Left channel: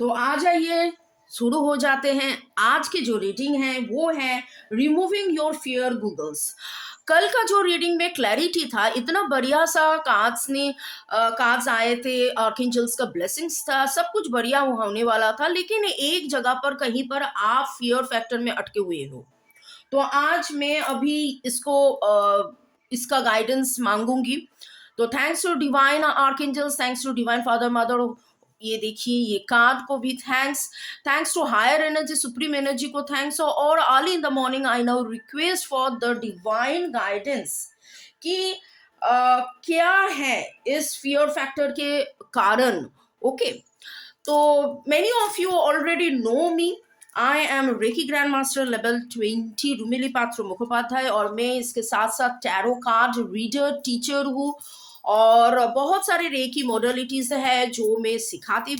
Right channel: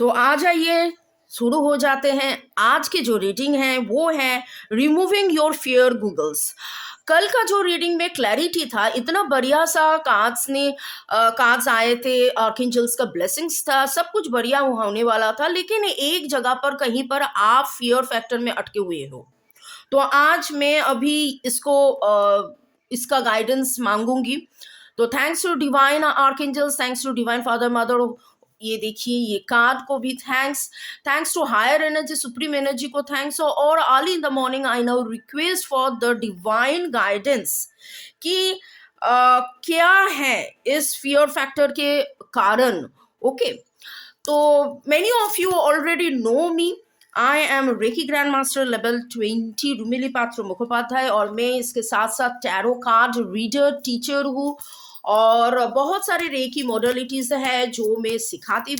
तो आ जाइए, शुरू हो जाते हैं। आज की जो रीडिंग है वो है रिमूविंग योर फियर गूगल्स। कल का जो रीडिंग में क्लैरिटी था, इतना बढ़िया सा कार्ड्स आए थे, आर्कएंजल्स का ब्लेसिंग्स था, सब कुछ बढ़िया होने वाला था, लेकिन एक जगह पर कहीं पर आप फियर फैक्टर में अटके हुए हो। तो आज मैं अभी इसका गाइडेंस मांगूंगी। तो thanks to divine archangels, thanks to divine father mother. ये देखिए, ये कार्ड को भी thanks, thanks to higher energy, supreme energy को थैंक्स। और early in the morning I now request for the divine guidance कि क्या है इस फियर फैक्टर के कारण। ओके, तो many of you already know me. I am reiki grand master level 20 रुमिली पात्र मुखोपाध्याय, और मैं इसके साथ साथ टैरो कार्ड रीडर टीचर हूँ। और बहुत सारे रेकी मॉडलिटीज है जो मैं सिखाती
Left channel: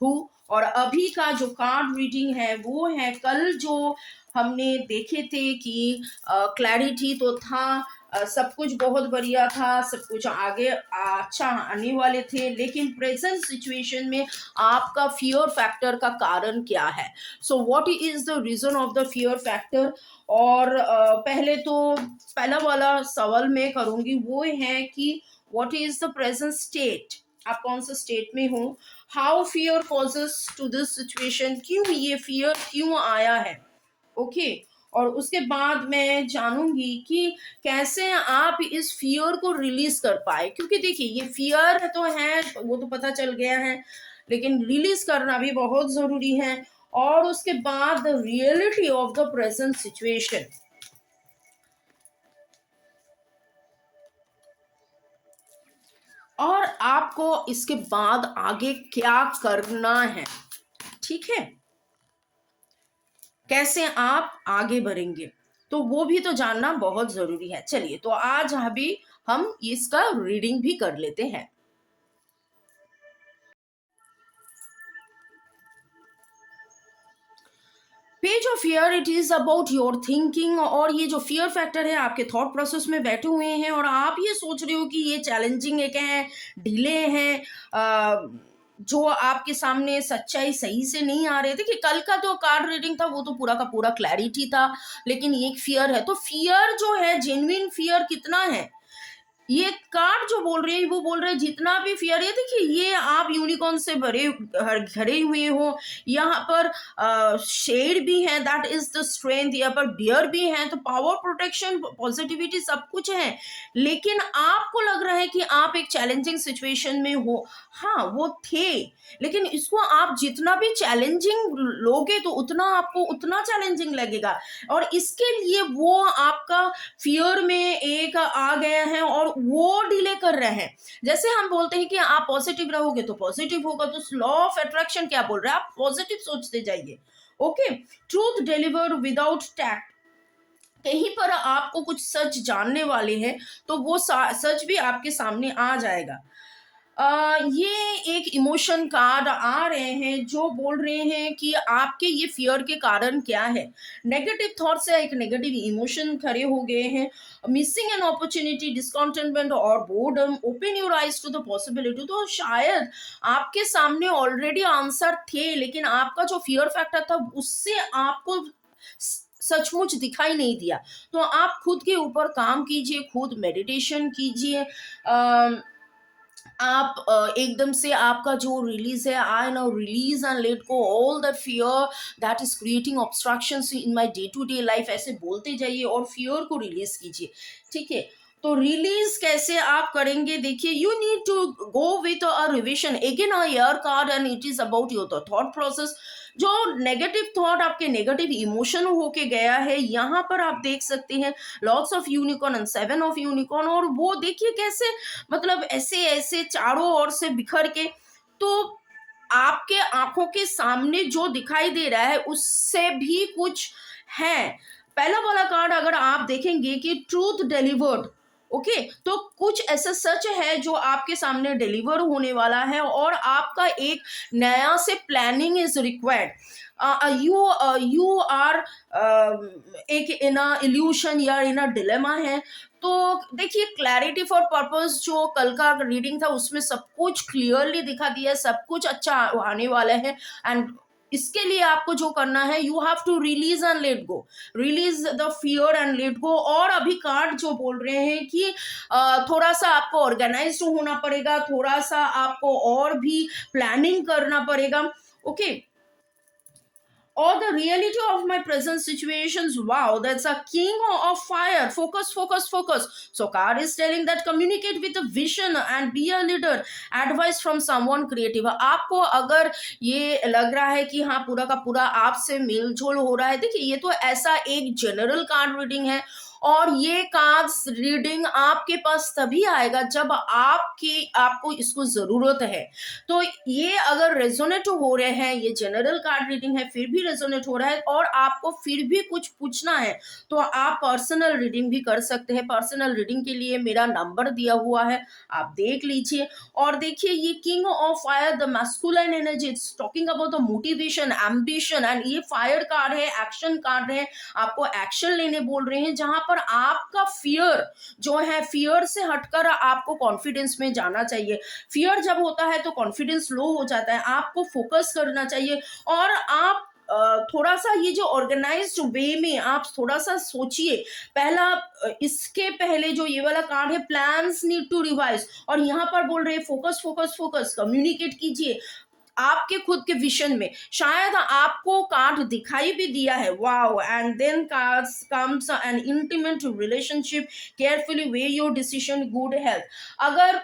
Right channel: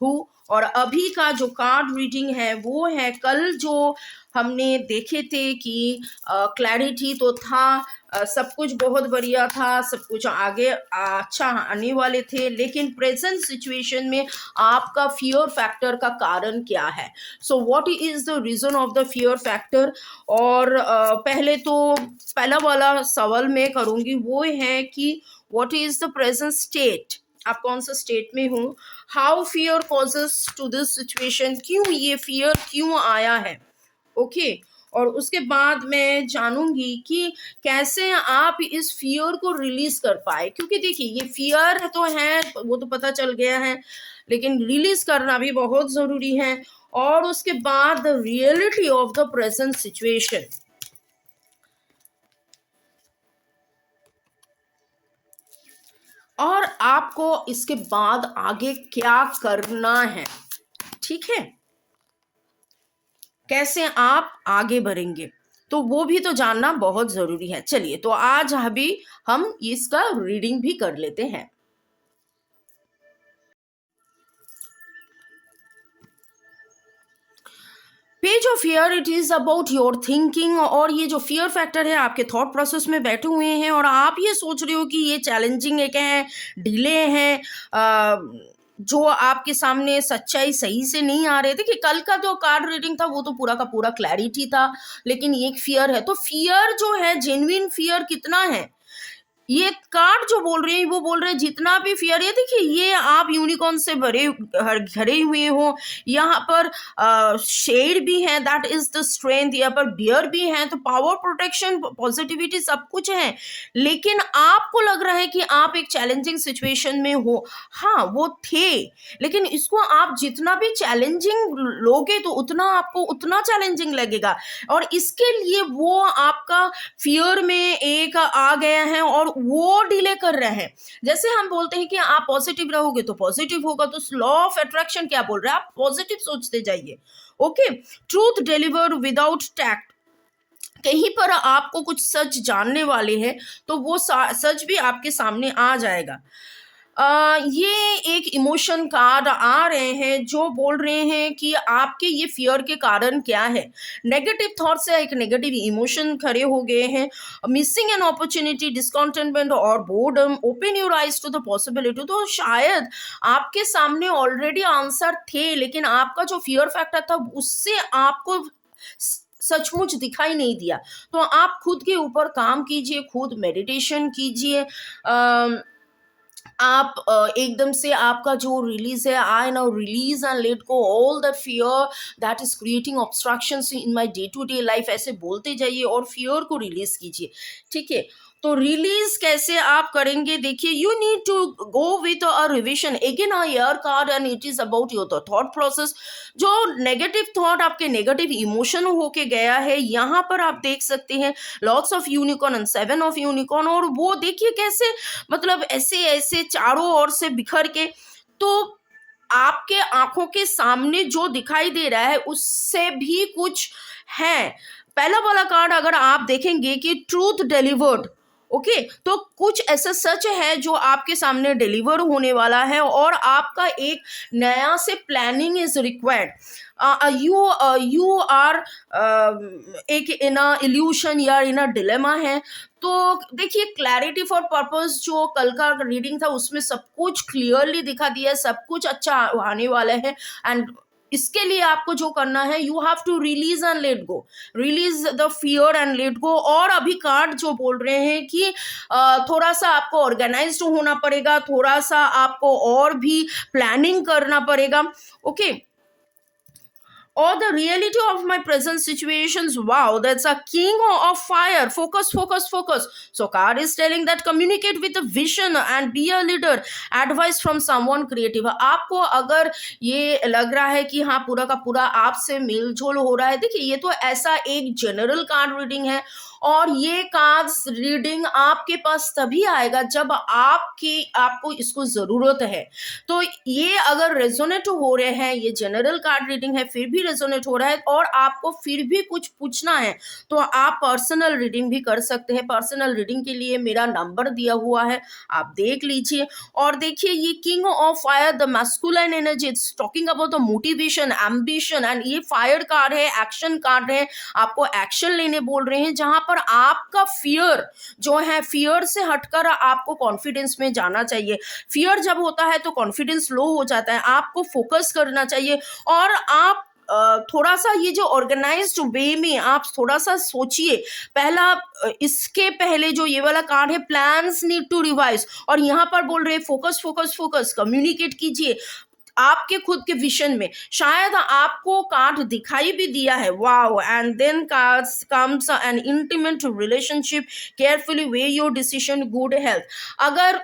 हूँ। और अभी का जो कार्ड रीडिंग है वो है, कल जो हमने देखे थे कि क्लैरिटी तो था, सब कुछ बहुत बढ़िया था, सब कुछ आगे अच्छा आने वाले थे, लेकिन प्रेजेंट सिचुएशन में आपका फियर फैक्टर का कारण क्या है। So what is the reason of the fear factor. और पहले तो पहला वाला सवाल मैं करूंगी वो है कि what is the present state, आप कौन सा स्टेट में हो। How fear causes to this situation, क्यों ये फियर क्यों आया है। ओके, और उसके बाद मैं जानूंगी कि कैसे आप इस फियर को रिलीज कर पाए, क्योंकि देखिए ये फियर तो है, वो तो पता चल गया है, लेकिन रिलीज करना भी बहुत जरूरी है। और उसके बाद the reality of the present situation, और आपको इसके बाद आगे क्या करना है। ठीक है, कैसे आप आगे बढ़ेंगे, तो वो भी तो जानना बहुत जरूरी है। चलिए, तो आज अभी हम इसका रीडिंग भी कर लेते हैं। Page of fear, it is about your thinking. और ये जो फियर फैक्टर है, आपके थॉट प्रोसेस में बैठे हुए हैं और आप ये सोच रहे हो कि ये चैलेंजिंग है, डिले है, जो आपके सामने सच्चाई सही से नहीं आ रहे। देखिए, कल का जो कार्ड रीडिंग था वो तो पूरा का पूरा क्लैरिटी था, लेकिन एक फियर है। तो फियर जो है, जेन्युइन फियर कितना है, ये कार्ड जो बोल रहे हैं वो बोल रहे हैं जितना भी फियर है। देखिए, ये आप यूनिकॉर्न से भरे हुए हो, यहाँ पर शेड भी है, दैट इज द स्ट्रेंथ। यहाँ पर बियर भी है, तो पावर, प्रोटेक्शन, पॉजिटिविटी सब कुछ है। लेकिन आपको लग रहा है कि आप एक चैलेंजिंग सिचुएशन में हो। हाँ, वो थे, लेकिन इसको आप जितना भी चैलेंजिंग लोगे तो उतना आपको उतना चैलेंजिंग लगेगा। और इसके लिए वो आपका फियर में एक आ गया है और वो डिले कर रहे हैं। जैसे हम बोलते हैं कि आप पॉजिटिव रहोगे तो पॉजिटिव होगा, तो लॉ ऑफ अट्रैक्शन क्या बोल रहा है, आप पॉजिटिव सोचते जाइए। Okay, truth deliver without tact, कहीं पर आपको कुछ सच जानने वाले हैं तो वो सच भी आपके सामने आ जाएगा। ये एक इमोशन कार्ड आ रहे हैं जो बोल रहे हैं कि आपके ये फियर के कारण क्या है। नेगेटिव थॉट से एक नेगेटिव इमोशन खड़े हो गए हैं। मिसिंग एन अपॉर्चुनिटी, डिस्कंटेंटमेंट और boredom, open your eyes to the possibility. तो शायद आपके सामने ऑलरेडी आंसर थे, लेकिन आपका जो फियर फैक्टर था उससे आपको सचमुच दिखाई नहीं दिया। तो आप खुद के ऊपर काम कीजिए, खुद मेडिटेशन कीजिए। आप एकदम से आपका जो रिलीज है, I now release and let go all that fear that is creating obstructions in my day to day life, ऐसे बोलते जाइए और फियर को रिलीज कीजिए। ठीक है, तो रिलीज कैसे आप करेंगे, देखिए, you need to go with a revision again a year card, and it is about your thought process. जो नेगेटिव थॉट आपके नेगेटिव इमोशन होके गया है, यहाँ पर आप देख सकते हैं lots of unicorn and 7 of unicorn. और वो देखिए कैसे, मतलब ऐसे ऐसे चारों ओर से बिखर के, तो आपके आंखों के सामने जो दिखाई दे रहा है उससे भी कुछ है। पहला वाला कार्ड अगर आप देखेंगे कि ट्रूथ डिलीवर्ड, ओके, तो कुछ ऐसा सच है जो आपके सामने डिलीवर होने वाला है और आपका एक नया से planning is required. You are एक इन अ इल्यूशन या इन अ डिलेमा है। तो देखिए, क्लैरिटी फॉर पर्पस जो कल का रीडिंग था उसमें सब कुछ क्लियरली दिखा दिया है, सब कुछ अच्छा आने वाला है। एंड इसके लिए आपको जो करना है, you have to release and let go, release the fear and let go. और अभी कार्ड जो बोल रहे हैं कि थोड़ा सा आपको ऑर्गेनाइज्ड होना पड़ेगा, थोड़ा सा आपको और भी प्लानिंग करना पड़ेगा। Okay, or the reality of my present situations. Wow, that's a king of fire. Focus, focus, focus. So card is telling that communicate with a vision and be a leader. Advice from someone creative. आपको अगर ये लग रहा है कि हाँ पूरा का पूरा आपसे मिलजोल हो रहा है, देखिए ये तो ऐसा एक जनरल कार्ड रीडिंग है और ये कार्ड्स रीडिंग आपके पास तभी आएगा जब आपको इसको जरूरत है। तो ये अगर रेजोनेट हो रहे हैं, ये जनरल कार्ड रीडिंग है फिर भी रेजोनेट हो रहा है और आपको फिर भी कुछ पूछना है, तो आप पर्सनल रीडिंग भी कर सकते हैं। पर्सनल रीडिंग के लिए मेरा नंबर दिया हुआ है, आप देख लीजिए। और देखिए, ये king of fire, the masculine energy, it's talking about the motivation, ambition. And ये फायर कार्ड है, एक्शन कार्ड है, आपको एक्शन लेने बोल रहे हैं जहां पर आपका फियर जो है, फियर से हटकर आपको कॉन्फिडेंस में जाना चाहिए। फियर जब होता है तो कॉन्फिडेंस लो हो जाता है, आपको फोकस करना चाहिए। और आप थोड़ा सा ये जो ऑर्गेनाइज्ड वे में आप थोड़ा सा सोचिए। पहला इसके पहले जो ये वाला कार्ड है, प्लान्स नीड टू रिवाइज, और यहाँ पर बोल रहे हैं फोकस फोकस फोकस, कम्युनिकेट कीजिए आपके खुद के विजन में। शायद आपको कार्ड दिखाई भी दिया है, wow. And then cards comes an intimate relationship, carefully weigh your decision, good health. अगर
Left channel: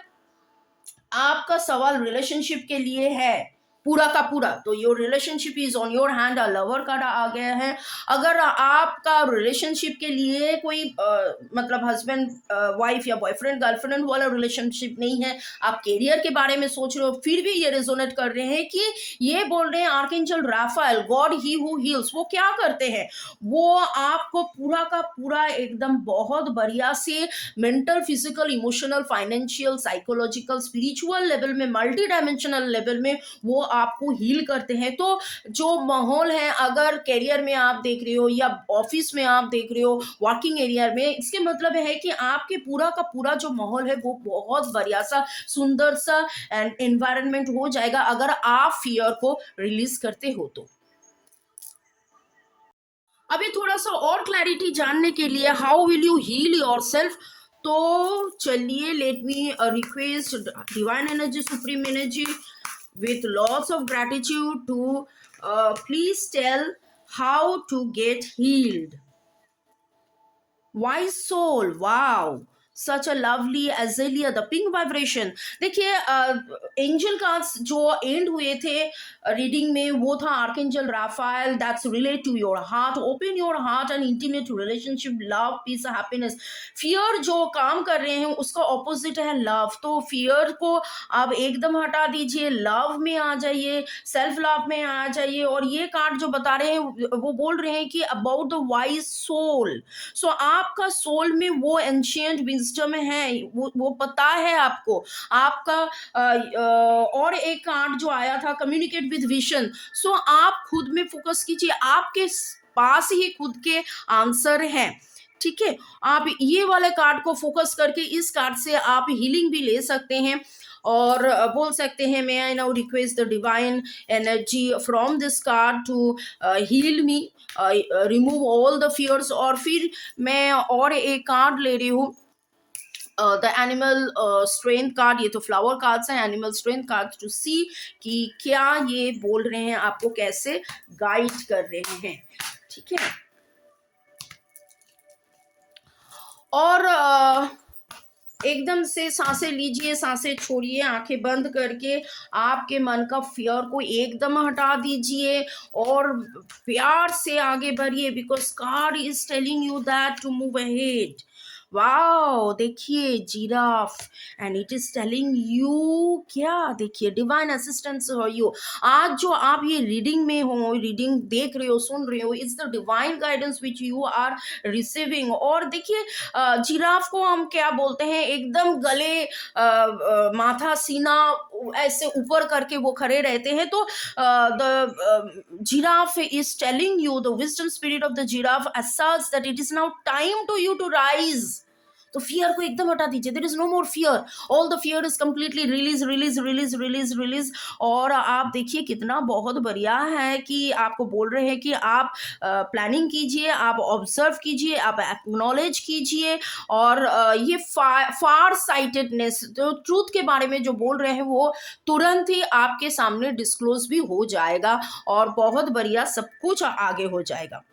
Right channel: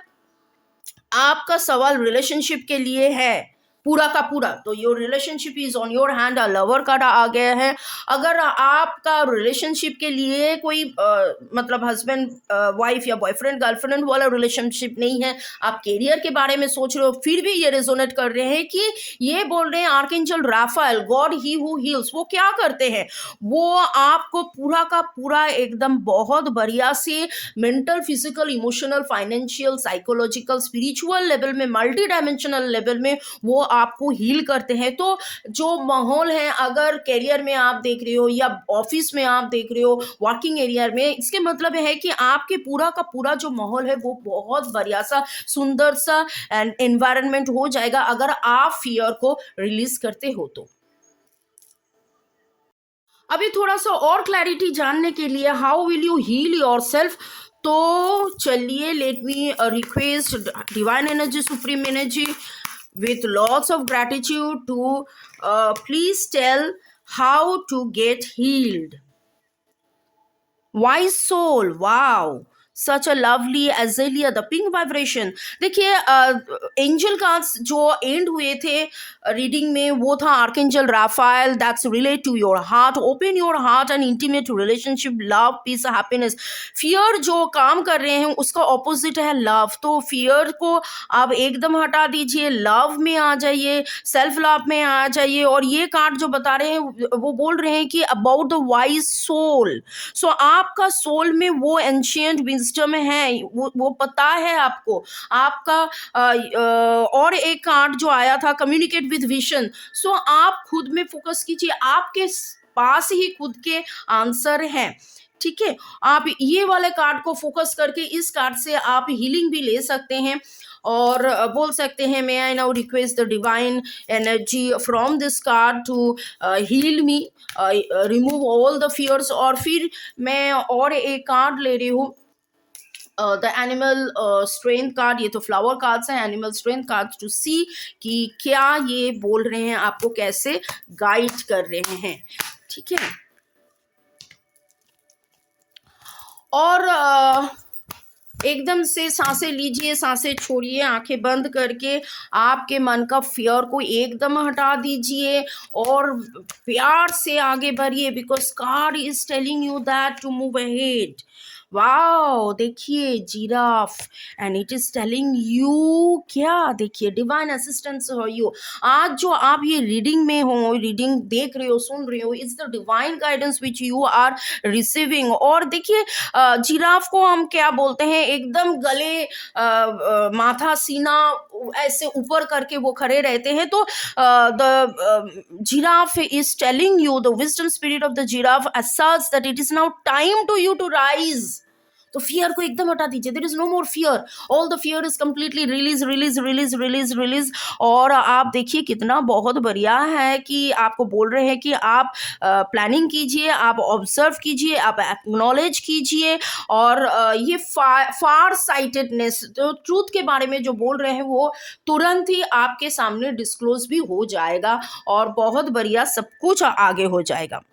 आपका सवाल रिलेशनशिप के लिए है पूरा का पूरा, तो your relationship is on your hand, lover card आ गया है। अगर आपका रिलेशनशिप के लिए कोई मतलब हस्बैंड वाइफ या बॉयफ्रेंड गर्लफ्रेंड वाला रिलेशनशिप नहीं है, आप कैरियर के बारे में सोच रहे हो, फिर भी ये रेजोनेट कर रहे हैं कि ये बोल रहे हैं archangel Raphael, God he who heals. वो क्या करते हैं, वो आपको पूरा का पूरा एकदम बहुत बढ़िया से mental, physical, emotional, financial, psychological, spiritual level में, मल्टी डायमेंशनल लेवल में वो आपको हील करते हैं। तो जो माहौल है, अगर करियर में आप देख रहे हो या ऑफिस में आप देख रहे हो, वर्किंग एरिया में, इसके मतलब है कि आपके पूरा का पूरा जो माहौल है वो बहुत बढ़िया सा, सुंदर सा एनवायरनमेंट हो जाएगा अगर आप फियर को रिलीज करते हो तो। अभी थोड़ा सा और क्लैरिटी जानने के लिए, how will you heal yourself, तो चलिए let me request divine energy, supreme energy with lots of gratitude to please tell how to get healed. Wise soul, wow, such a lovely azalea, the pink vibration। देखिए, angel cards जो end हुए थे reading में वो था archangel Raphael, that's relate to your heart, open your heart and intimate relationship, love, peace, happiness. Fear जो काम कर रहे हैं उसका ऑपोजिट है लव, तो फियर को आप एकदम हटा दीजिए, लव में आ जाइए, सेल्फ लव में आ जाइए। और ये कार्ड जो बता रहे हैं वो बोल रहे हैं कि अबाउट द वाइज सोल। सो आपका सोल में वो एंशियंट विजडम है, वो पता है आपको। आपका और एक कार्ड जो आया था, कम्युनिकेट विद विजन। सो आप खुद में फोकस कीजिए, आपके पास ही खुद के आंसर हैं, ठीक है। आप ये वाले कार्ड को फोकस करके इस कार्ड से आप हीलिंग भी ले सकते हैं और बोल सकते हैं, may I now request the divine energy from this card to heal me, remove all the fears. और फिर मैं और एक कार्ड ले रही हूँ, द एनिमल स्ट्रेंथ कार्ड। ये तो फ्लावर कार्ड्स हैं, एनिमल स्ट्रेंथ कार्ड, टू सी कि क्या ये बोल रहे हैं, आपको कैसे गाइड कर रहे हैं, ठीक है। और एकदम से सांसें लीजिए, सांसें छोड़िए, आंखें बंद करके आपके मन का फियर को एकदम हटा दीजिए और प्यार से आगे बढ़िए, because card is telling you that to move ahead. Wow! देखिए giraffe and it is telling you क्या देखिए डिवाइन असिस्टेंस फॉर यू। आज जो आप ये रीडिंग में हो, रीडिंग देख रहे हो, सुन रहे हो, it's the divine guidance which you are receiving. और देखिए जिराफ को हम क्या बोलते हैं, एकदम गले माथा सीना ऐसे ऊपर करके वो खड़े रहते हैं। तो the giraffe is telling you, the wisdom spirit of the giraffe asserts that it is now time to you to rise। तो फियर को एकदम हटा दीजिए, there is no more fear, all the fear is completely release release release release release. और आप देखिए कितना बहुत बढ़िया है कि आपको बोल रहे हैं कि आप प्लानिंग कीजिए, आप ऑब्जर्व कीजिए, आप एक्नॉलेज कीजिए। और ये फार साइटेडनेस, तो ट्रूथ के बारे में जो बोल रहे हैं वो तुरंत ही आपके सामने डिस्क्लोज भी हो जाएगा और बहुत बढ़िया सब कुछ आगे हो जाएगा।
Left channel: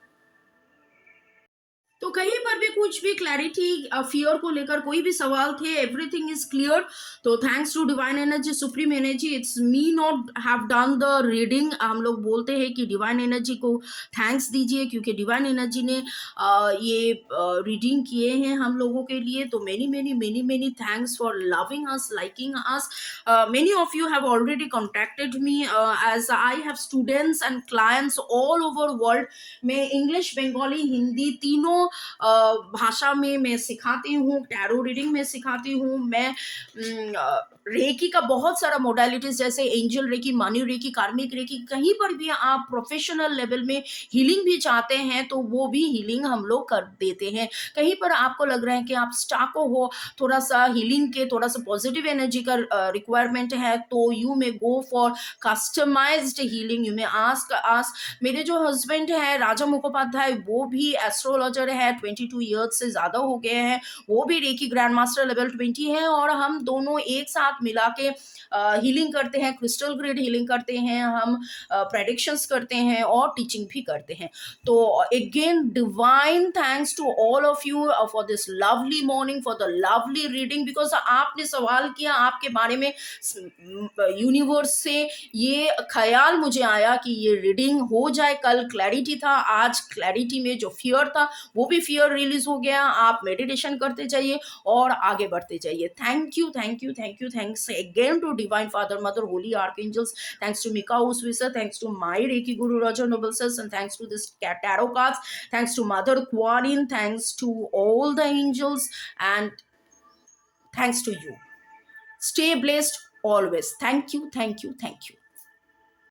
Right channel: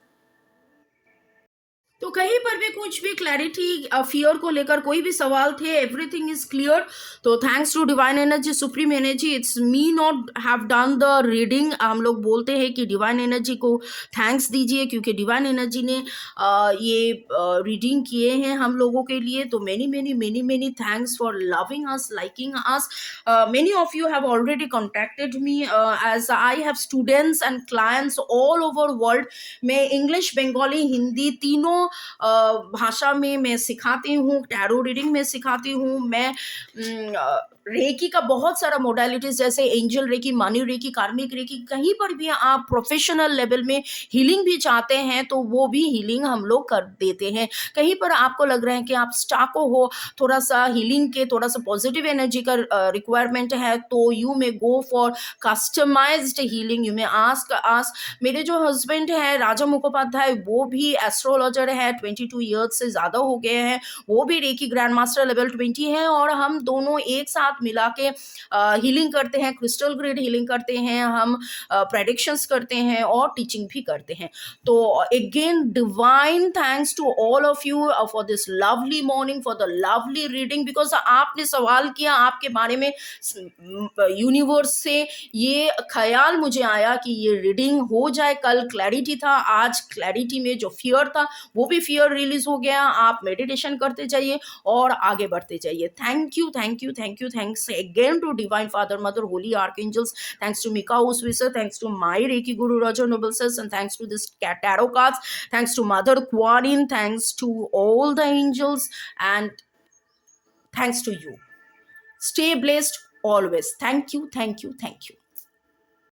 तो कहीं पर भी कुछ भी क्लैरिटी फियर को लेकर कोई भी सवाल थे, एवरीथिंग इज क्लियर। तो thanks to divine energy, supreme energy, it's me not have done the reading. हम लोग बोलते हैं कि डिवाइन एनर्जी को थैंक्स दीजिए क्योंकि डिवाइन एनर्जी ने ये रीडिंग किए हैं हम लोगों के लिए। तो many many many many thanks for loving us, liking us. Many of you have already contacted me as I have students and clients all over world. मैं इंग्लिश, बंगाली, हिंदी तीनों भाषा में मैं सिखाती हूँ, टैरो रीडिंग में सिखाती हूँ मैं। रेकी का बहुत सारा मोडालिटीज जैसे एंजल रेकी, मानी रेकी, कार्मिक रेकी, कहीं पर भी आप प्रोफेशनल लेवल में हीलिंग भी चाहते हैं तो वो भी हीलिंग हम लोग कर देते हैं। कहीं पर आपको लग रहा है कि आप स्टाको हो, थोड़ा सा हीलिंग के, थोड़ा सा पॉजिटिव एनर्जी का रिक्वायरमेंट है, तो you may go for customized healing. You may ask. मेरे जो हस्बैंड है राजा मुखोपाध्याय, वो भी एस्ट्रोलॉजर है, 22 ईयर्स से ज़्यादा हो गए हैं, वो भी रेकी ग्रैंड मास्टर लेवल 20 है। और हम दोनों एक साथ मिला के हीलिंग करते हैं, क्रिस्टल ग्रिड हीलिंग करते हैं, हम प्रेडिक्शंस करते हैं और टीचिंग भी करते हैं। तो again divine thanks to all of you for this lovely morning, for the lovely reading, because आपने सवाल किया, आपके बारे में यूनिवर्स से ये ख्याल मुझे आया कि ये रीडिंग हो जाए। कल क्लैरिटी था, आज क्लैरिटी में जो फियर था वो भी फियर रिलीज हो गया। आप मेडिटेशन करते जाइए और आगे बढ़ते जाइए। Thank you, thank you, thank you, thanks again to divine father, mother, holy archangels, thanks to Mika Uswisa, thanks to my Reiki Guru Roger Noble Sets, and thanks to this tarot cards, thanks to Mother Kuan Yin, thanks to all the angels, and thanks to you. Stay blessed always. Thank you, thank you, thank you.